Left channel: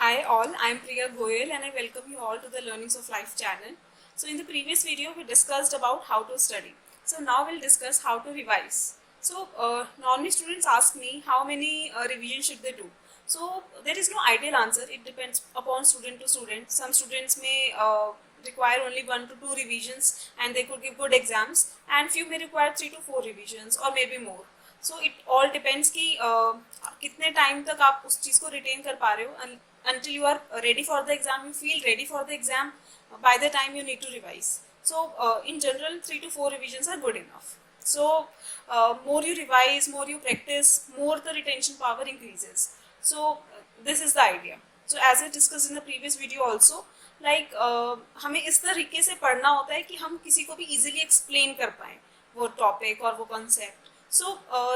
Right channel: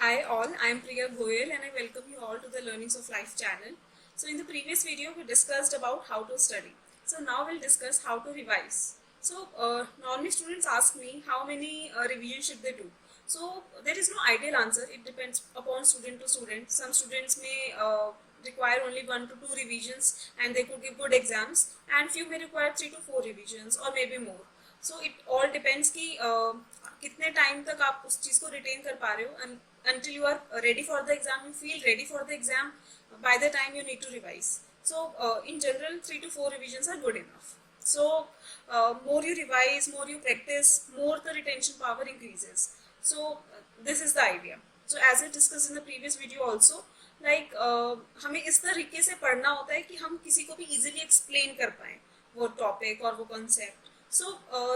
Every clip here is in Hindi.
Hi all, I am Priya Goyal and I welcome you all to the Learnings of Life channel. So in the previous video we discussed about how to study. So now we'll discuss how to revise. So normally students ask me how many revisions should they do. So there is no ideal answer, it depends upon student to student. Some students may require only 1 to 2 revisions and they could give good exams, and few may require 3 to 4 revisions or maybe more. So it all depends कि कितने टाइम तक आप उस चीज़ को रिटेन कर पा रहे हो until you are ready for the exam, you feel ready for the exam by the time you need to revise. So in general 3 to 4 revisions are good enough. So more you revise, more you practice, more the retention power increases. So this is the idea. So as I discussed in the previous video also, like हमें इस तरीके से पढ़ना होता है कि हम किसी को भी easily explain कर पाएं वो topic और वो concept. So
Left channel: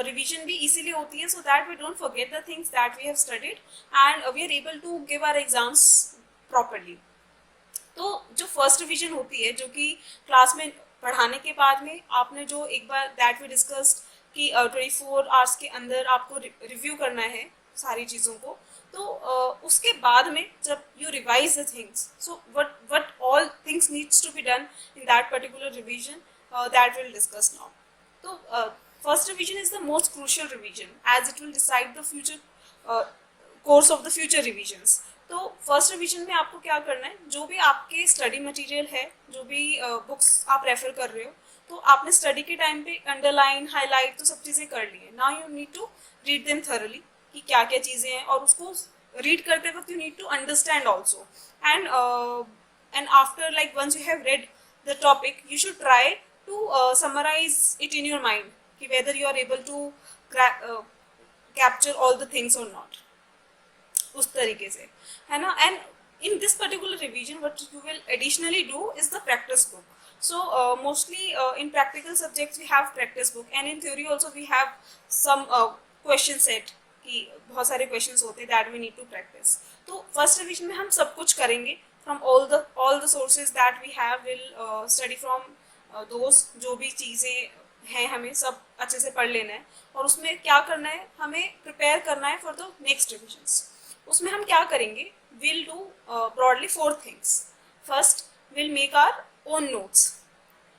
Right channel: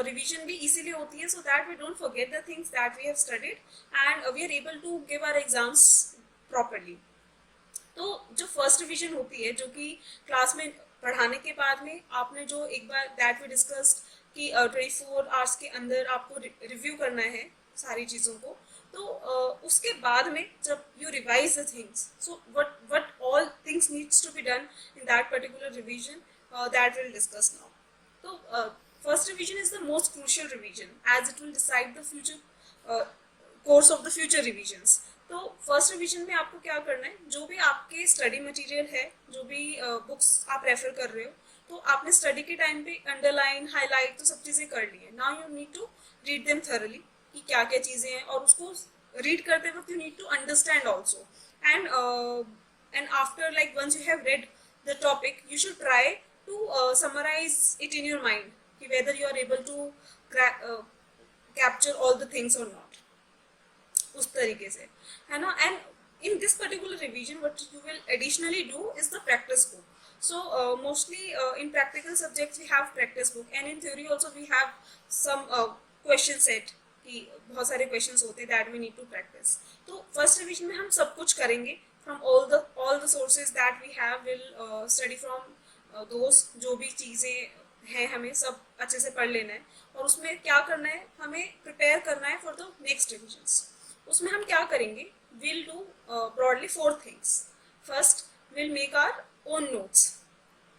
revision भी easily होती है so that we don't forget the things that we have studied and we are able to give our exams properly. तो जो फर्स्ट रिविजन होती है जो कि क्लास में पढ़ाने के बाद में आपने जो एक बार दैट वी डिस्कस्ड कि 24 आवर्स के अंदर आपको रिव्यू करना है सारी चीज़ों को, तो उसके बाद में जब you revise the things, so what all things needs to be done in that particular revision, that will discuss now. तो first revision is the most crucial revision as it will decide the future course of the future revisions. तो फर्स्ट रिवीजन में आपको क्या करना है, जो भी आपके स्टडी मटेरियल है, जो भी बुक्स आप रेफर कर रहे हो, तो आपने स्टडी के टाइम पे अंडरलाइन हाईलाइट तो सब चीज़ें कर ली है. Now you need to read them thoroughly कि क्या क्या चीज़ें हैं, और उसको रीड करते वक्त you need to understand also. And after like once you have read the topic you should try to summarise it in your mind कि whether you are able to capture all the things or not, उस तरीके से है ना. And in this particular revision what you will additionally do is the practice book. So mostly in practical subjects we have practice book and in theory also we have some question set कि बहुत सारे questions होते हैं that we need to practice. तो first revision में हम सब कुछ करेंगे from all the sources that we have, will study from those, जो भी चीज़ें है हमें सब अच्छे से पढ़ लेना है. और उसमें क्या करना है, हमें प्रिपेयर करना है फॉर द नेक्स्ट रिविजन्स. उसमें हम क्या करेंगे, will do broadly 4 things. First will make our own notes,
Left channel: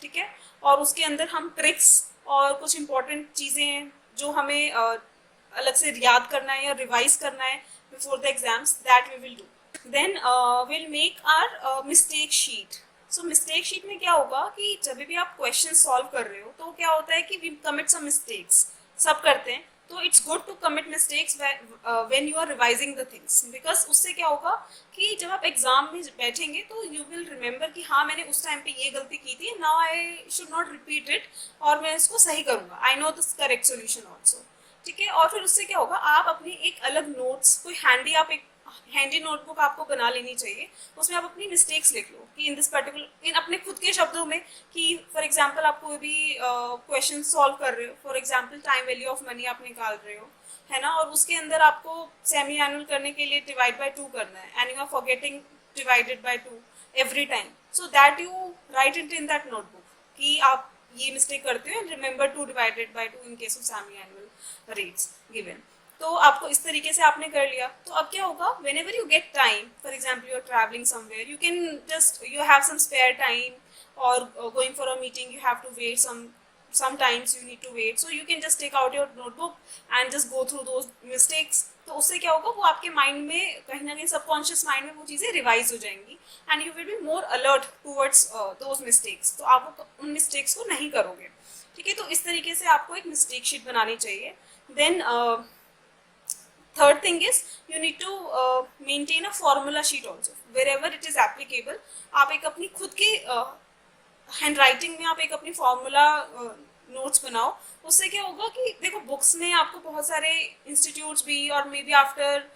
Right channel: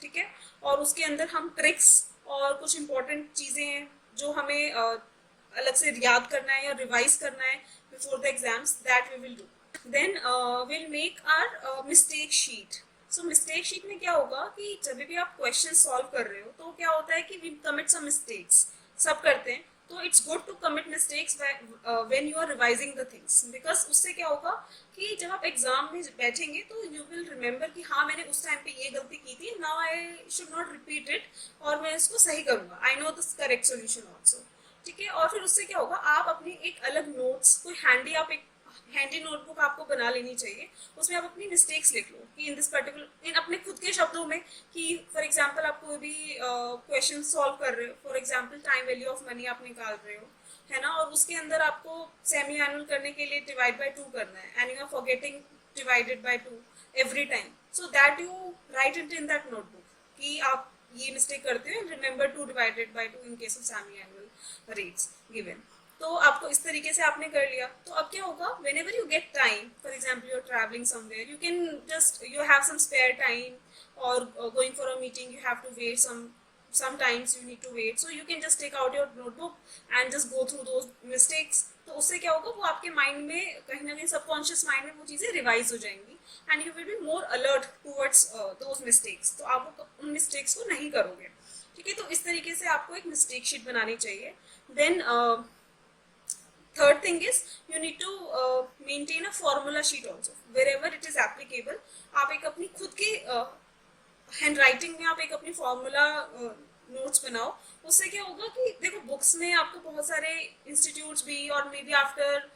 ठीक है, और उसके अंदर हम ट्रिक्स और कुछ इंपॉर्टेंट चीज़ें हैं जो हमें अलग से याद करना है या रिवाइज करना है before the exams, that we will do. Then will make our mistake sheet. So mistake sheet में क्या होगा कि जब भी आप क्वेश्चन सॉल्व कर रहे हो तो क्या होता है कि वी कमिट सम मिस्टेक्स, सब करते हैं. तो it's good to commit mistakes when you are revising the things, because उससे क्या होगा कि जब आप एग्जाम में बैठेंगे तो यू विल रिमेंबर कि हाँ मैंने उस टाइम पे ये गलती की थी, now I should not repeat it, और मैं इसको सही करूँगा, I know the correct solution also, ठीक है. और फिर उससे क्या होगा, आप अपनी एक अलग नोट्स, कोई हैंडी, आप एक हैंडी नोटबुक आपको बना लेनी चाहिए. उसमें आप अपनी मिस्टेक्स लिख लो कि इन दिस पर्टिकुलर, इन अपने खुद के शब्दों में, कि फॉर एग्जांपल आप कोई भी क्वेश्चन सॉल्व कर रहे हो, for example time value of money आप निकाल रहे हो, है ना, और उसके अंदर आपको सेमी एनुअल करने के लिए डिवाइड बाय 2 करना है and you are forgetting divided by 2 every time. So that you write it in that notebook कि आप ये मिस्टेक करते हो and remember 2 divided by 2 in case of semi annual rates given. तो आपको इस तरीके से आपने कर लिया. तो अब क्या होगा, whenever you get time, for example you are travelling somewhere, you can just, you have some spare time, और going for a meeting you have to wait sometimes you need to wait, so you can just take out your notebook and just go through those mistakes. तो उससे क्या होगा, वो आपके माइंड में कहीं ना कहीं सबकॉन्शियस माइंड में वो चीज़ें रिवाइज हो जाएंगी and you will be more alert towards those mistakes. तो आप उन मिस्टेक्स को नहीं करोगे, ठीक है. तो इस तरीके से आपको एक मिस्टेक शीट बनानी चाहिए. Then third thing is you need to maintain a formula sheet also wherever it is applicable. आप एक अपनी खुद की हैंड राइटिंग में आप एक अपनी फॉर्मूला नोट्स बनाओ. उससे क्या होगा कि देखो बुक्स में आपको बहुत सारे इंस्टीट्यूट्स भी, और may be after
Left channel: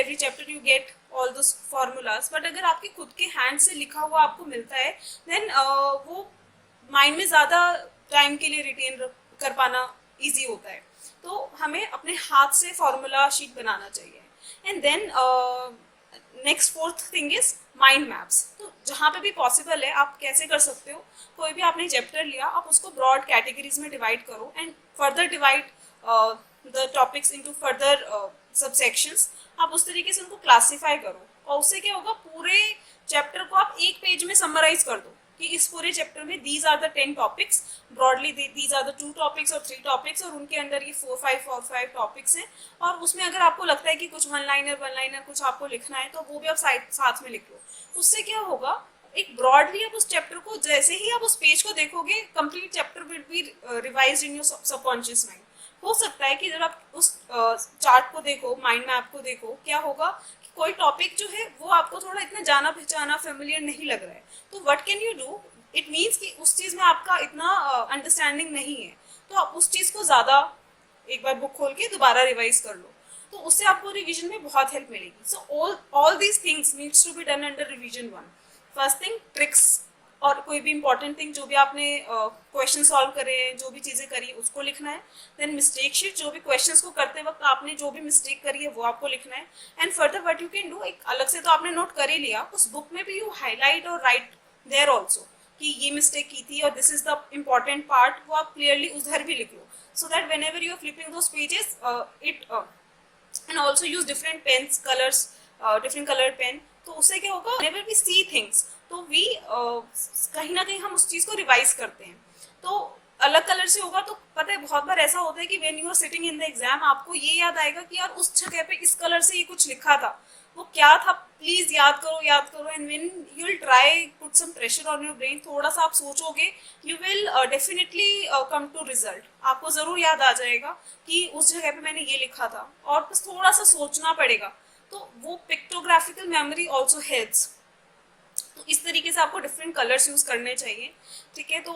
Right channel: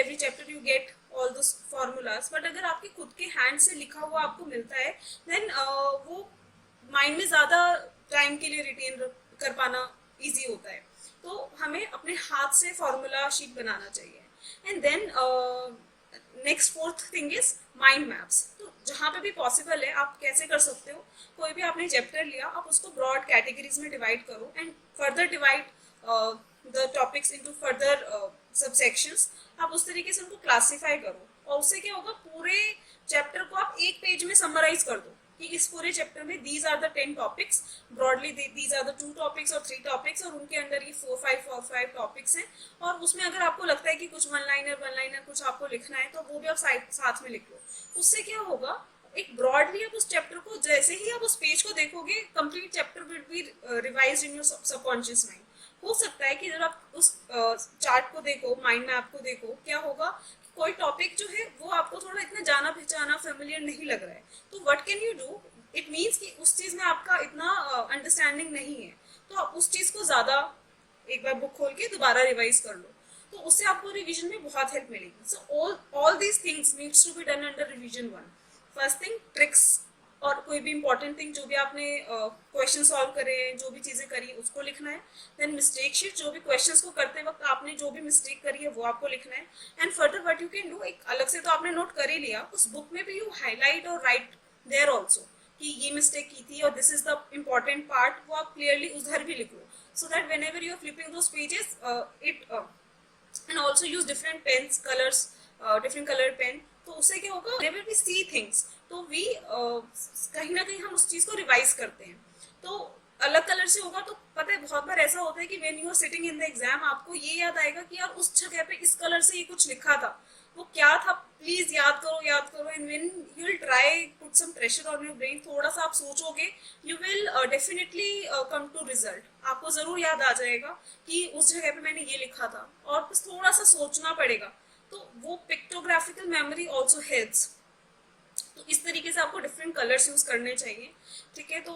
every chapter you get all those formulas, but अगर आपके खुद के हैंड से लिखा हुआ आपको मिलता है देन वो माइंड में ज़्यादा टाइम के लिए रिटेन कर पाना ईजी होता है. तो हमें अपने हाथ से फॉर्मूला शीट बनाना चाहिए. And then next 4th thing is mind maps. तो जहाँ पे भी पॉसिबल है आप कैसे कर सकते हो, कोई भी आपने चैप्टर लिया, आप उसको ब्रॉड कैटेगरीज में डिवाइड करो and further divide the topics into further subsections. आप उस तरीके से उनको क्लासीफाई करो, और उससे क्या होगा, पूरे चैप्टर को आप एक पेज में समराइज कर दो कि इस पूरे चैप्टर में these are the 10 topics, broadly these are the 2 topics और 3 टॉपिक्स, और उनके अंदर ये 4-5 टॉपिक्स हैं। और उसमें अगर आपको लगता है कि कुछ वन लाइनर कुछ आपको लिखना है तो वो भी आप साथ में लिख लो। उससे क्या होगा, एक ब्रॉडली आप उस चैप्टर को, जैसे ही आप उस पेज को देखोगे, complete chapter will be revised in your subconscious mind. हो सकता है कि जब आप उस चार्ट को देखो, माइंड मैप को देखो, क्या होगा, कोई टॉपिक जो है वो आपको थोड़ा इतना जाना पहचाना फेमिलियर नहीं लग रहा है, तो what can you do, it means कि उस चीज में आपका इतना अंडरस्टैंडिंग नहीं है, तो आप उस चीज को ज्यादा एक बार बुक खोल के दोबारा रिवाइज कर लो, तो उससे आपको रिवीजन में बहुत हेल्प मिलेगी। So all these things needs to be done under revision 1। First thing tricks, और कोई भी इंपॉर्टेंट थिंग जो भी आपने क्वेश्चन सॉल्व करे हैं, जो भी चीजें करी उसको लिखना है। देन मिस्टेक शीट, जो भी क्वेश्चंस को करते वक्त आपने जो भी मिस्टेक करी है वो आपको लिखना है। And further what you can do, एक अलग से तो आपने नोट कर ही लिया, उस बुक में भी यू हाईलाइट और राइट देयर ऑल्सो कि ये मिस्टेक की थी और this is the important part, वो आप क्लियरली उधर भी लिख लो, so that whenever you are flipping those pages it and also use different pens, colours, different colour pen, तो उससे क्या होगा, whenever we see things, तो वी कहीं ना कहीं हम उस चीज को रिवाइज करते हैं। तो अलग कलर से होगा तो पता है बहुत बार ऐसा होता है कि when you are sitting in the exam आपको ये याद आएगा कि यार उस जगह पे इस कलर से ये कुछ लिखा था, वो क्या था, प्लीज याद करो। And when you will try put some pressure on your brain, थोड़ा सा आप सोचोगे, you will definitely come to result, आपको जरूर याद आ जाएगा कि उस जगह पे मैंने ये लिखा था, और बस थोड़ा सा सोचना पड़ेगा। तो वो पिक्टोग्राफिकल मेमोरी ऑल्सो हेल्प्स। तो इस तरीके से आपको डिफरेंट कलर्स यूज करने चाहिए, ठीक है। तो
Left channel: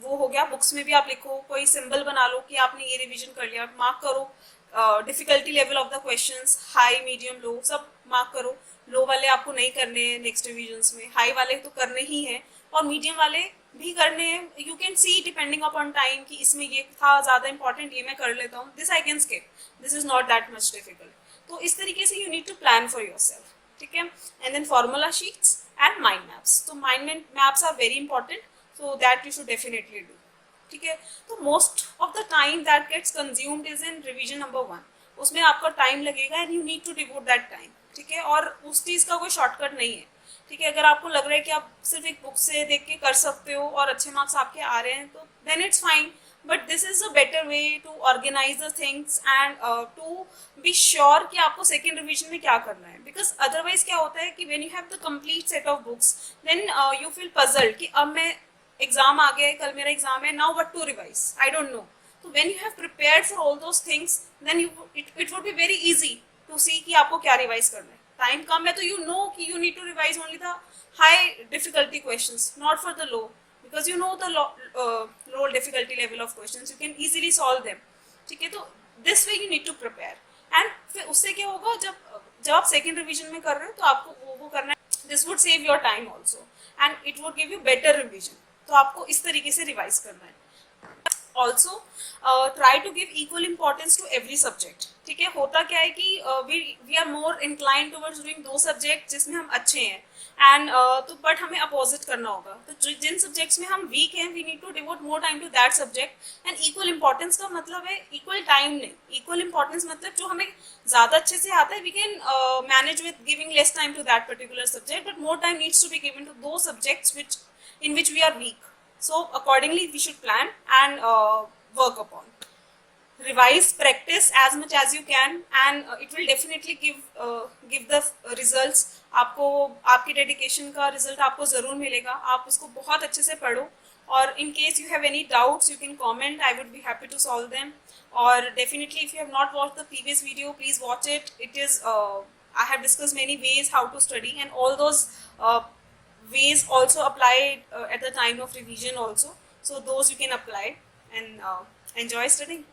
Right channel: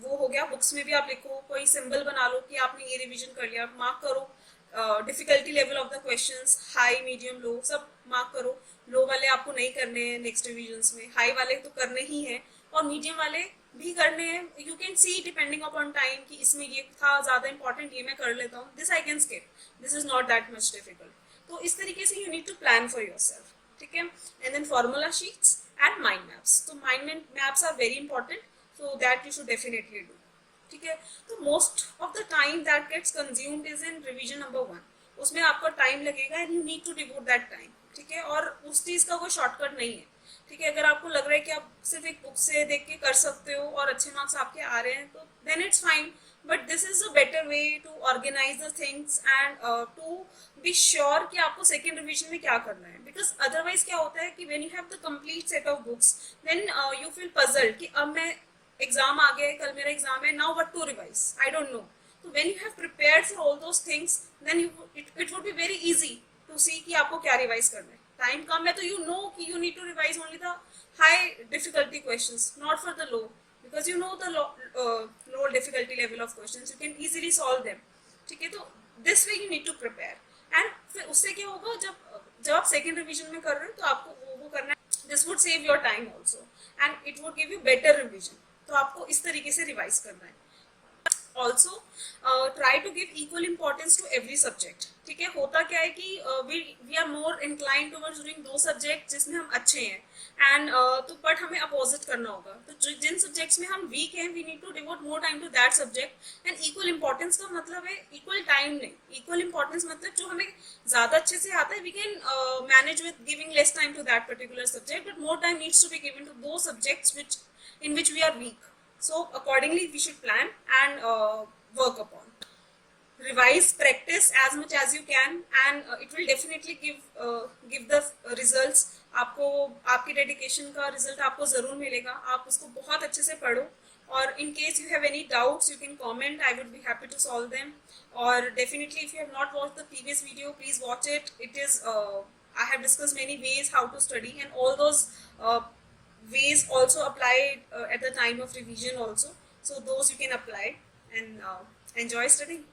वो हो गया, बुक्स में भी आप लिखो, कोई सिंबल बना लो कि आपने ये रिवीजन कर लिया, मार्क करो। Difficulty level of the questions, high medium low सब मार्क करो। लो वाले आपको नहीं करने हैं नेक्स्ट रिविजन्स में, हाई वाले तो करने ही हैं, और मीडियम वाले भी करने हैं। You can see depending upon time कि इसमें ये था ज्यादा इंपॉर्टेंट, ये मैं कर लेता हूँ, this I can skip, this is not that much difficult. तो इस तरीके से you need to plan for yourself, ठीक है। And then formula sheets and mind maps, तो mind maps are very important, so that you should definitely do, ठीक है। तो most of the time that gets consumed is in revision number 1, उसमें आपका टाइम लगेगा and you need to devote that time, ठीक है। और उस चीज का कोई शॉर्टकट नहीं है, ठीक है। अगर आपको लग रहा है कि आप सिर्फ एक बुक से देख के कर सकते हो और अच्छे मार्क्स आपके आ रहे हैं, तो then it's fine, but this is a better way to organise the things and to be sure कि आपको सेकेंड रिवीजन में क्या करना है। बिकॉज अदरवाइज क्या होता है कि when you have the complete set of books, then you feel puzzled कि अब मैं एग्जाम आ गया, कल मेरा एग्जाम है, now what to revise, I don't know. तो when you have prepared for all those things, then it would be very easy to see कि आपको क्या रिवाइज करना है। टाइम कम है तो यू नो कि you need to revise only the high difficulty questions, not for the low, because you know the low difficulty level of questions, you can easily solve them, ठीक है। तो this way you need to prepare, and फिर उससे क्या होगा, जब आप सेकेंड रिवीजन में कर रहे हो तो आपको वो करना है, this would save your time also and it would give you better revision, तो आपको इस तरीके से रिवाइज करना है। Also try to give equal importance to every subject, ठीक है। होता क्या है कि we are more incline towards doing those subject जिसमें हम अच्छे हैं, एंड तो बट हमें अपोजिट करना होगा। तो जिन सब्जेक्ट्स में हम वीक हैं, we need to devote more time to that subject. And equal importance का मतलब है इक्वल टाइम नहीं, इक्वल इंपॉर्टेंस मतलब जो हमें ज्यादा अच्छे से आता है, we can manage with giving less time to that particular subject, but more time needs to be given to those subjects which in which we are weak. So accordingly we should plan and work upon. Revise, practice as much as you can, and it will definitely give the results. आपको आपकी डेडिकेशन का रिजल्ट आपको जरूर मिलेगा। आप उसको बहुत अच्छे से पढ़ो, और in case you have any doubts you can comment, I would be happy to solve them. और definitely if you have not watched the previous video, please watch it. It is I have discussed many ways how to study, and all those ways also apply at the time of revision also, so those you can apply and enjoy studying.